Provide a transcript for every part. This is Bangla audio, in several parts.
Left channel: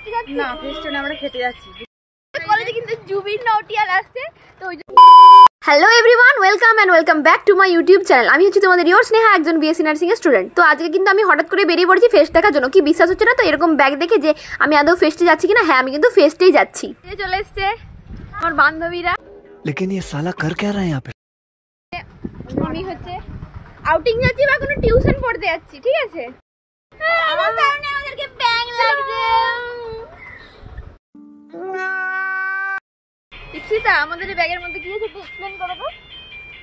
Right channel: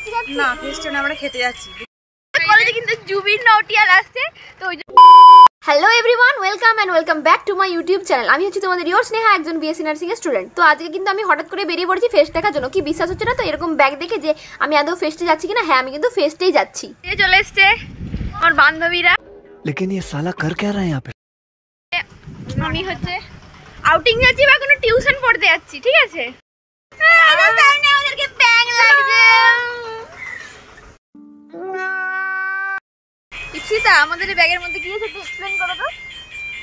ফেস্টে যাচ্ছি না, ফেস্টে না, আমরা খেতে যাচ্ছি। কলেজে কিন্তু জুবিন নটিয়াল আসছে তো ওই hello everyone, welcome and welcome back to my YouTube channel. আমি হচ্ছে তোমাদের ইয়োর স্নেহা, একজন বিএসসি নার্সিং এর স্টুডেন্ট। তো আজকে কিন্তু আমি হঠাৎ করে বেরিয়ে পড়েছি ফেস্ট দেখার জন্য। কি বিশ্বাস হচ্ছে না তো এরকম ব্যাগ দেখে যে আমি আদৌ ফেস্টে যাচ্ছি কিনা? হ্যাঁ, আমি কিন্তু ফেস্টেই যাচ্ছি। চলে এসছে আমার বান্ধবীরা। लेकिन ये साला कर क्या रहा है यहाँ पे? আমি হচ্ছে আউটিং যাচ্ছি বা কোনো টিউশন পড়তে যাচ্ছি, ঠিক আছে? আমাদেরকে ব্যাগ লাগছে। ইপসিতা, আমাদের এই ব্যাগের মধ্যে কি আছে একটু এক্সপ্লেইন করো তো।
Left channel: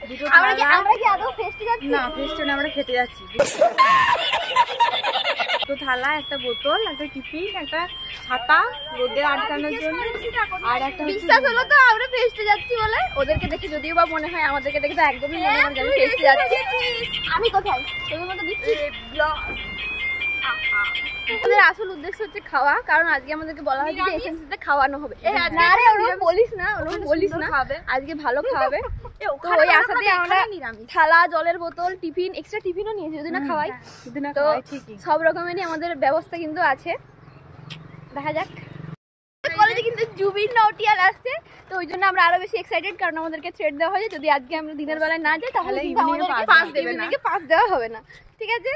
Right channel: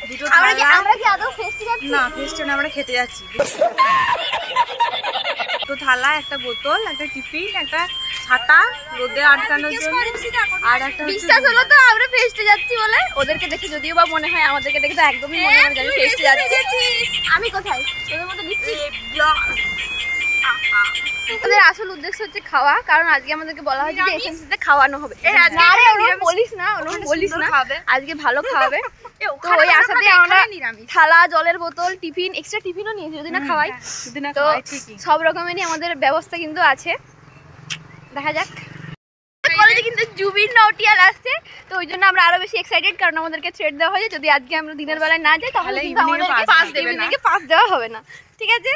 দুটো আমরা কি আদৌ ফেস্টে যাচ্ছি? না, ফেস্টে না, আমরা খেতে যাচ্ছি। দুটো থালা, একটা বোতল, একটা টিফিন, একটা ছাতা রোদে আটকানোর জন্য, আর একটা বিশ্বাস হলো তো আমরা ফেস্টে যাচ্ছি বলে। ওদেরকে দেখে যদিও বা মনে হয়, আমাদেরকে দেখে তো একদমই মনে হয় যে আমি ফেস্টে যাচ্ছি। আমি কোথায়? তোদের মতো দিচ্ছি। আমাদের আসল উদ্দেশ্য হচ্ছে খাওয়া, কারণ আজকে আমাদেরকে বলা হয়েছে যে এসএমসিতে খাওয়ানো হবে। আরে ওরকম বলিস না, আজকে ভালো খাওয়াবে। তো ওই আশাতে আমরা থালা, জলের বোতল, টিফিন, এক্সট্রা টিফিনও নিয়েছি যদি না খাওয়াই। তো সব রকমেরই আমাদের ব্যবস্থা কিন্তু আছে, দেখা যাক। কলেজে কিন্তু জুবিন নটিয়াল আসছে তো ওই জন্য আমরা আরো বেশি এক্সাইটেড, কারণ আমাদেরকে থ্রেট দেওয়া হয়েছে যদি আজকে আমরা দিনের বেলায় না যাই তাহলে কিন্তু আমাদেরকে পাস দেওয়া হবে না, ঠিক আছে?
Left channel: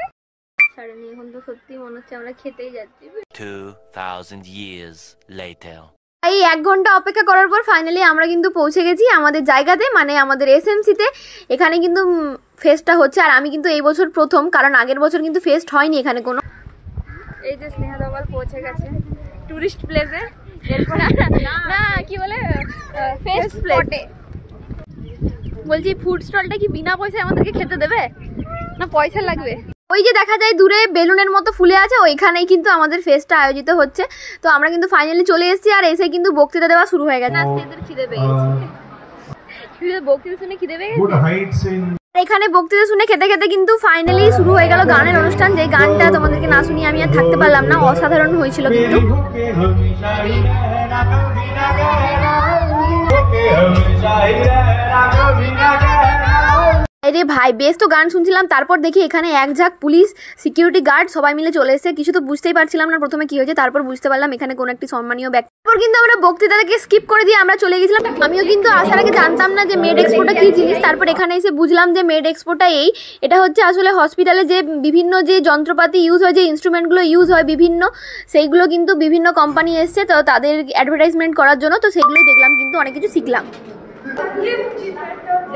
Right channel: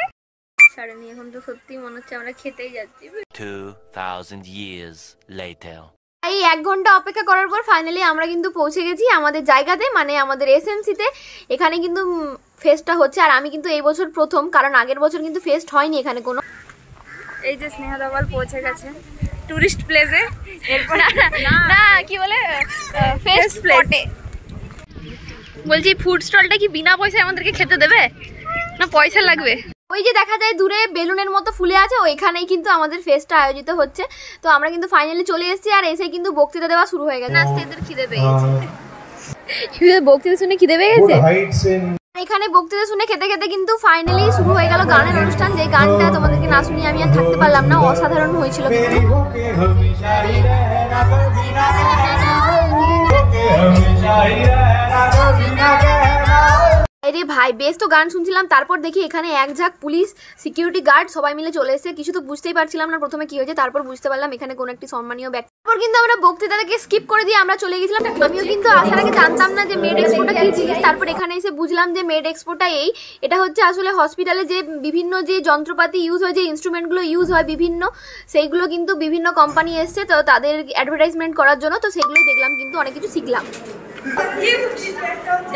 সাড়ে এখন তো সত্যি মনে হচ্ছে আমরা খেতেই যাচ্ছি। 2000 years later. এই 1 ঘন্টা অপেক্ষা করার পর ফাইনালি আমরা কিন্তু পৌঁছে গেছি আমাদের জায়গাতে, মানে আমাদের এসএমসিতে। এখানে কিন্তু ফেস্টটা হচ্ছে, আর আমি কিন্তু এই বছর প্রথম, কারণ আগের বছর কিন্তু ফেস্ট হয়নি এখানে কোনো। এই যে স্নেহা দোকান পৌঁছে গেছে টুরিস্ট প্লেসে। না কি বলে ফেস্ট স্পটে। বলছি ফুড স্টলটা কি বিনা পয়সায় আমাদেরকে খেতে দেবে না পয়সা লাগবে? ওই যে দেখা যায় দূরে বেলুনের মতো ফুলে আছে, ওইখানেই কিন্তু আমাদের ফেস্টটা আয়োজিত হচ্ছে। তো আমরা কিন্তু ফাইনালি চলে এসেছি, আর এসে কিন্তু বক্তৃতা দেওয়া শুরু হয়ে গেছে। আজকে এদের খিদে পেয়েছে, বক্তৃতা শুনে খিদে পেয়ে গেছে। এখানে বক্তৃতা শুনে খেতে খেতে কিন্তু ফাইনালি শুরু হয়ে গেল গানের অনুষ্ঠান। যে গানটা তোমাদেরকে না শুনিয়ে আমি আর থাকতে পারলাম না, অসাধারণ হয়েছিল কিন্তু। আরে ভাই, বেশ তো গান শুনছিলাম, তারপর দেখি এখানে এক ঝাঁক পুলিশ, সিকিউরিটি গার্ড সবাই মিলে চলে এসেছে। কিছু তো বুঝতেই পারছিলাম না প্রথমে কি হয়েছে, তারপর বুঝতে পারলাম এখানে কোন একটি সম্মানীয় ব্যক্তি। তারপর কিন্তু আমরা বক্তৃতাটাকে স্কিপ করে দিয়ে আমরা চলে গেছিলাম। আমিও কিন্তু আসার আগে জানতাম না যে মেড এক্সপোটা কি জিনিস। তারপর এখানে এসে বুঝলাম যে মেড এক্সপোটা এটা হচ্ছে আসলে হসপিটালে যে বিভিন্ন যে যন্ত্রপাতি ইউজ হয়, যে ইনস্ট্রুমেন্টগুলো ইউজ হয় বিভিন্ন, সেইগুলো কিন্তু বিভিন্ন কোম্পানি এসছে তো তাদের অ্যাডভার্টাইজমেন্ট করার জন্য। তো সেগুলোই দেখলাম, কিন্তু অনেক কিছু শিখলাম।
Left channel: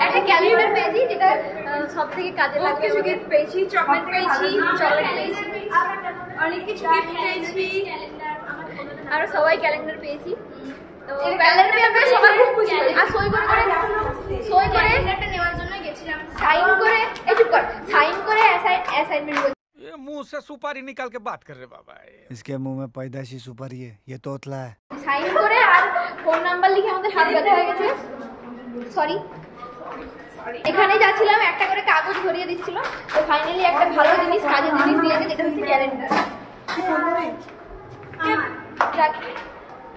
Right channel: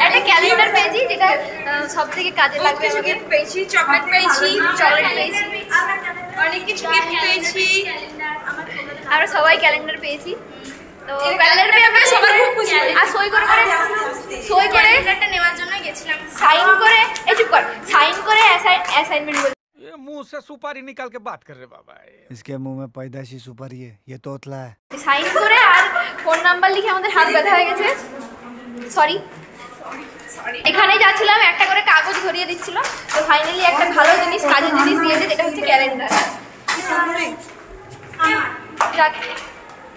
একটা ক্যালেন্ডার পেয়েছি যেটা সব থেকে কাজে লাগবে। আমাদের পেয়েছি চকলেট পেয়েছি, অনেক কিছু গিফট পেয়েছি। আমরা সবাই ক্যালেন্ডার পেয়েছি। তো ক্যালেন্ডার পেয়ে আমরা সবাই খুব খুশি। আর সই করে ক্যালেন্ডারটা নেওয়ার জন্য গেছিলাম। সাইন করে সাইন করে অ্যাসাইনমেন্ট বলছি। ये मुंह से सुपारी निकाल के बात कर रहे बाबा। इसके मुंह में पैदाइशी सुपारी है, ये तोतला है। সাইন করে আর ফোন নাম্বার লিখে আমাদের হাত ব্যথা হয়ে গেছে। সরি এখানেই যাচ্ছিলাম, একটা করে কাগজ ধরিয়ে দিচ্ছিল। তো ফাইনালি একটা ভালো জিনিস, কাজের জিনিস দিয়েছে, যেটা হচ্ছে ক্যালেন্ডার।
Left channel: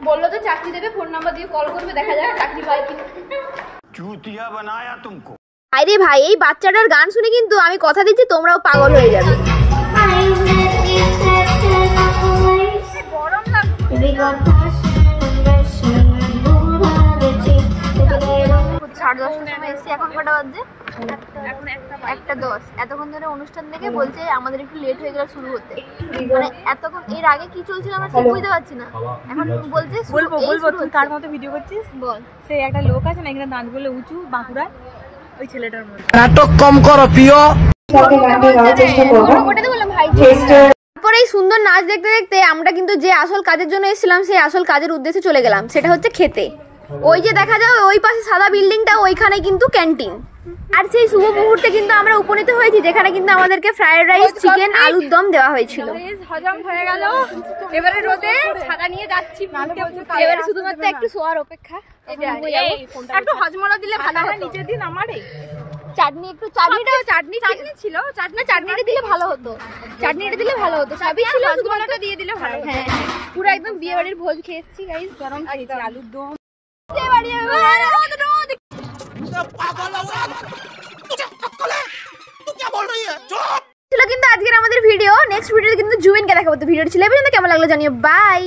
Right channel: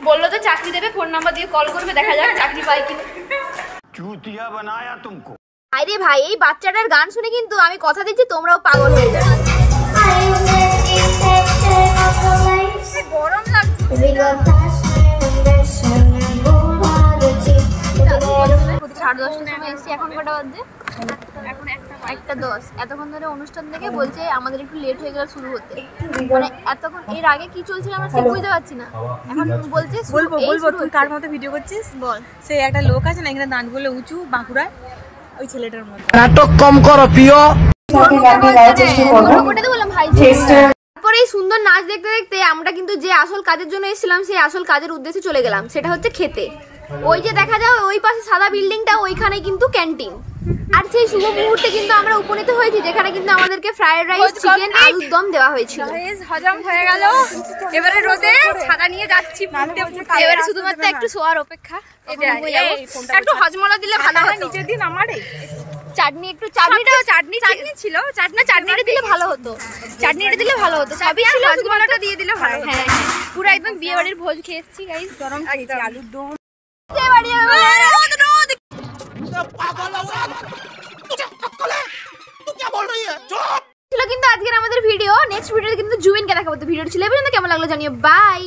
বললো তো চাকরি দেবে, ফোন নাম্বার দিয়ে কল করবে, দেখা যাক চাকরি পাই কিনা। चूतिया बनाया तुमको। আরে ভাই, এই বাচ্চাটার গান শুনে কিন্তু আমি কথা দিচ্ছি তোমরাও পাগল হয়ে যাবে। গরম লাগছে। 10:30টার সময় এসেছি, এখন কটা বাজে? এখন 1:10। এতক্ষণ ধরে অনুষ্ঠান থেকে বলছে আমাদের একটু লেট হয়ে গেল শুরু হতে। মানে এতক্ষণ এর আগে কি চলছিল আমরা ঠিক বুঝতে পারছি না। এখন বলছে বলবো তুই কার মতো ভিডিও করছিস বল। সেই একটা লোক আছে না এখানে দাঁতগুলো উঁচু, বাঁকুড়া, ওই ছেলেটার মতো। नाटक कम करो पियो। তারপরে এই সুন্দর নাচ দেখতে দেখতে আমরা কিন্তু যে আসল কাজের জন্য এসেছিলাম সেই আসল কাজের উদ্দেশ্যে চলে গেলাম, সেটা হচ্ছে খেতে। ওই যে দেখা যায় ওই পাশে সাদা বিল্ডিংটা, ওইখানে কিন্তু ক্যান্টিন। আর সেই শুভ মুহূর্তে কিন্তু আমরা উপনীত হয়েছি, যেখানে কিন্তু আমাদেরকে ফ্রাইড রাইস, চিকেন, আলুর দম দেওয়া হয়েছিল। হজম হয়ে গেল, এবারে রোদে ছাতা নিয়ে যাচ্ছি। এবারে শুধুমাত্র একটু শোয়ার অপেক্ষা। একটু হজমলা দিলে ভালো হয়। নিচের দিন আমারে চাটনি ছিল, চাটনিটা দিলে ভালো হতো, সবই ছিল, শুধুমাত্র দিয়ে দিলে ভালো। হ্যাঁ, পুরো একদম বিয়ে বাড়ির ভোজ খেয়ে এসেছি গাইস। গরম আলুর দম। ছিল কিন্তু আজকের আমাদের ভিডিও। নেক্সট ভিডিওতে কিন্তু জুবিনকে দেখাবো। তো ভিডিওটি ছিল, কেমন লাগলো জানিও। বাই।